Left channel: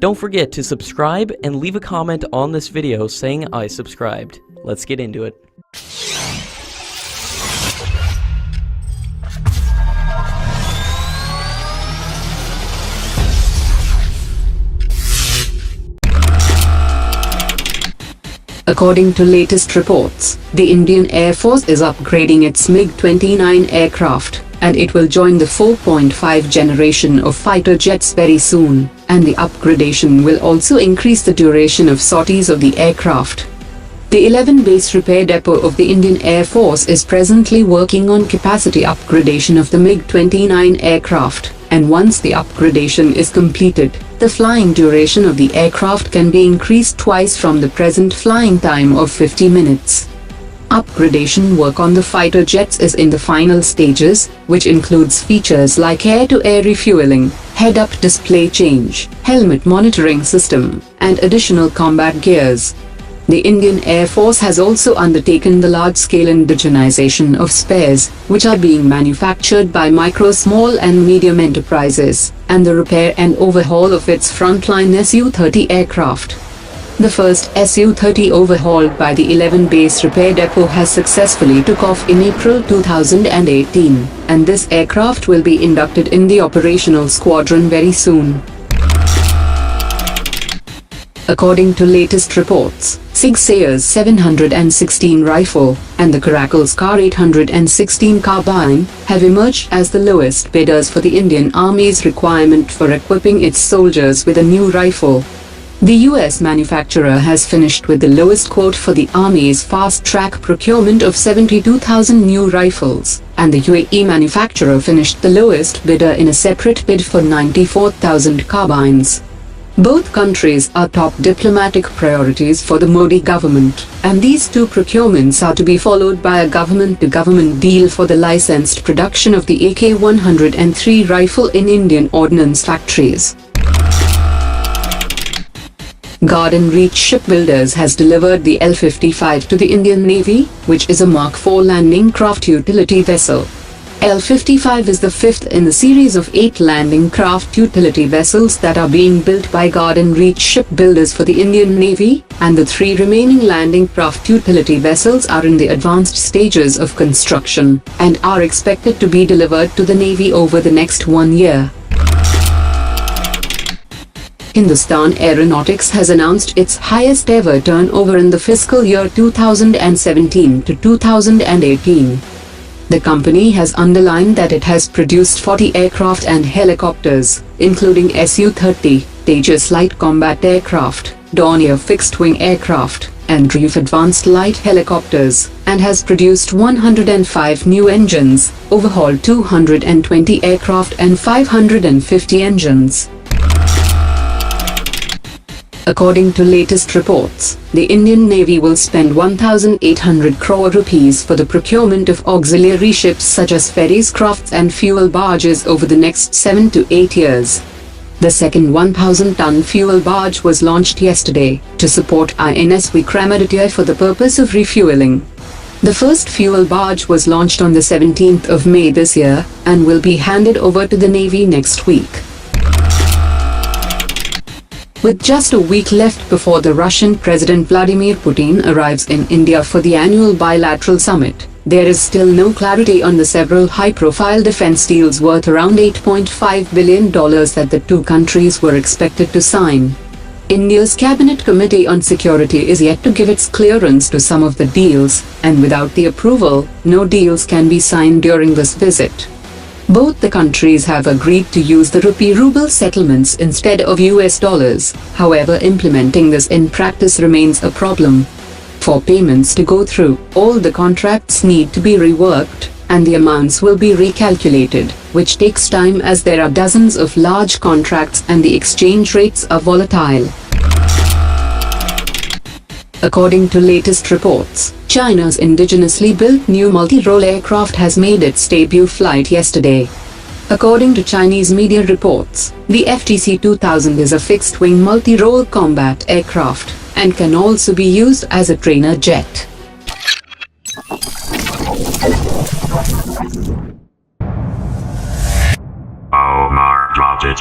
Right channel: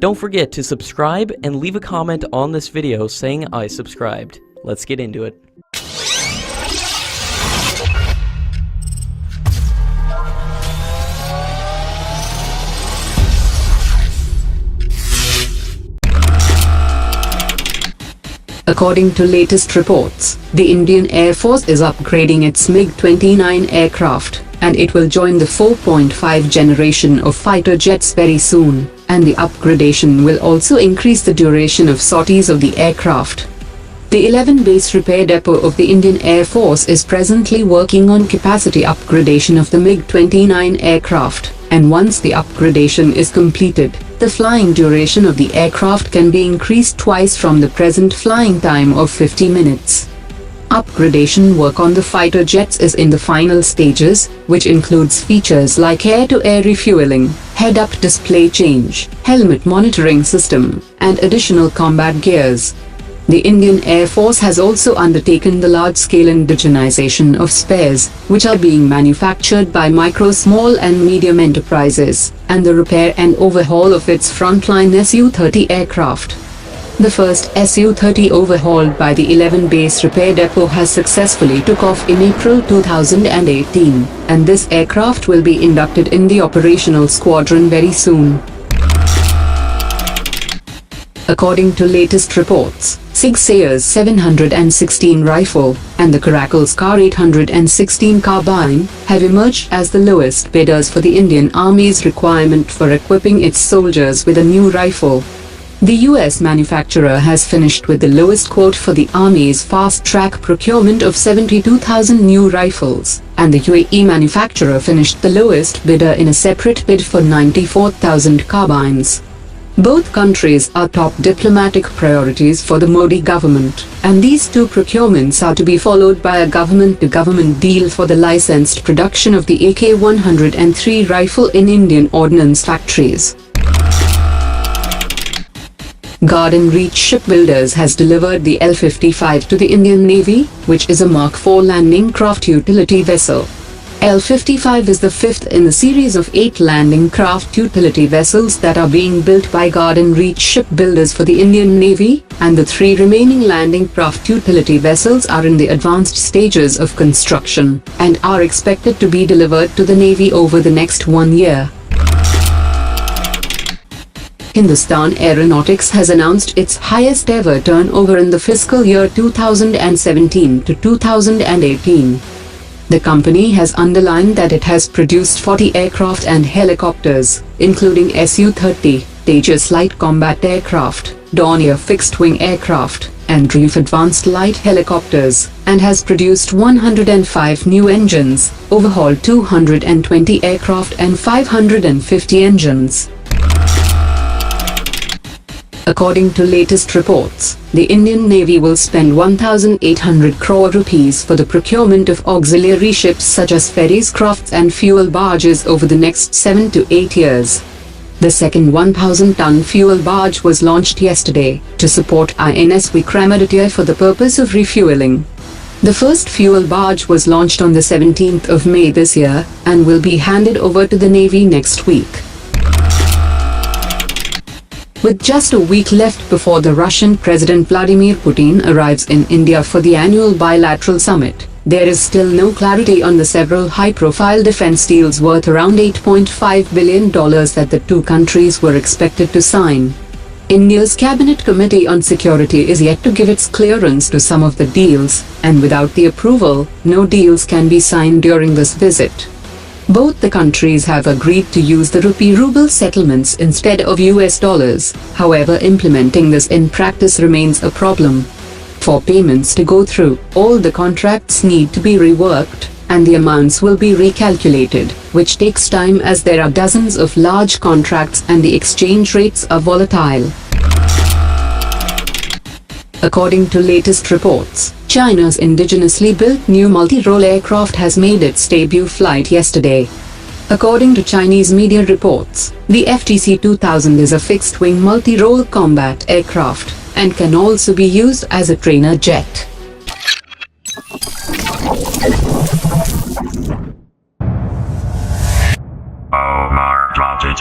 Don't forget to subscribe and leave a comment on this video saying I subscribed. Let's get into it. According to latest reports, the Indian Air Force is upgrading its Mig-29 aircraft, and it will join the 4.5 generation of fighter jets very soon, and the upgradation will also increase the duration of sorties of the aircraft. The 11 base repair depot of the Indian Air Force is presently working on capacity upgradation of the Mig-29 aircraft, and once the upgradation is completed, the flying duration of the aircraft can be increased twice from the present flying time of 50 minutes. Upgradation work on the fighter jets is in the final stages, which includes features like air-to-air refueling, head-up display change, helmet monitoring system, and additional combat gears. The Indian Air Force has also undertaken the large-scale indigenization of spares, which are being manufactured by micro, small and medium enterprises, and the repair and overhaul of its frontline Su-30 aircraft. The first Su-30 overhauled by the 11 base repair depot has successfully took off in April 2018, and this aircraft will be inducted in the operational squadron very soon. According to latest reports, Sig's 716 rifle and the Caracal's ca-816 carbine have emerged as the lowest bidders for the Indian Army's requirement for equipping its soldiers with a new rifle. The US manufacturer has finished with the lowest quote for the Army's fast-track procurement of 72,000 new rifles, and the UAE manufacturer finished the lowest bidder in a separate bid for 94,000 carbines. Both countries are top diplomatic priorities for the Modi government, and these two procurements are to be followed by a government-to-government deal for the licensed production of the AK-103 rifle in Indian ordnance factories. Garden Reach Shipbuilders has delivered the L55 to the Indian Navy, which is a Mark IV landing craft utility vessel. L55 is the fifth in the series of 8 landing craft utility vessels that are being built by Garden Reach Shipbuilders for the Indian Navy, and the 3 remaining landing craft utility vessels are in the advanced stages of construction, and are expected to be delivered to the Navy over the next 1 year. Hindustan Aeronautics has announced its highest ever turnover in the fiscal year 2017 to 2018. The company has underlined that it has produced 40 aircraft and helicopters, including Su-30, Tejas light combat aircraft, Dornier fixed-wing aircraft, and RIF advanced light helicopters, and has produced 105 new engines, overhauled 220 aircraft and 550 engines. According to latest reports, the Indian Navy will spend 1,800 crore rupees for the procurement of auxiliary ships such as ferries, crafts and fuel barges over the next 7 to 8 years. The second 1,000-ton fuel barge was launched yesterday to support INS Vikramaditya for the purpose of refueling. The first fuel barge was launched on the 17th of May this year and will be handed over to the Navy next week. With just a week left before the Russian President Vladimir Putin arrives in India for the annual bilateral summit, there is still no clarity on the several high-profile defense deals worth around $8.5 billion that the two countries were expected to sign. India's Cabinet Committee on Security is yet to give its clearance to some of the deals, and without the approval, no deals can be signed during this visit. Both the countries have agreed to use the rupee-ruble settlements instead of US dollars, however implementing this in practice remains a problem. For payments to go through, all the contracts need to be reworked, and the amounts will be recalculated, which takes time as there are dozens of large contracts and the exchange rates are volatile. According to latest reports, China's indigenously built new multi-role aircraft has made its debut flight yesterday. According to Chinese media reports, the FTC-2000 is a fixed-wing multi-role combat aircraft and can also be used as a trainer jet. Omar dropped it.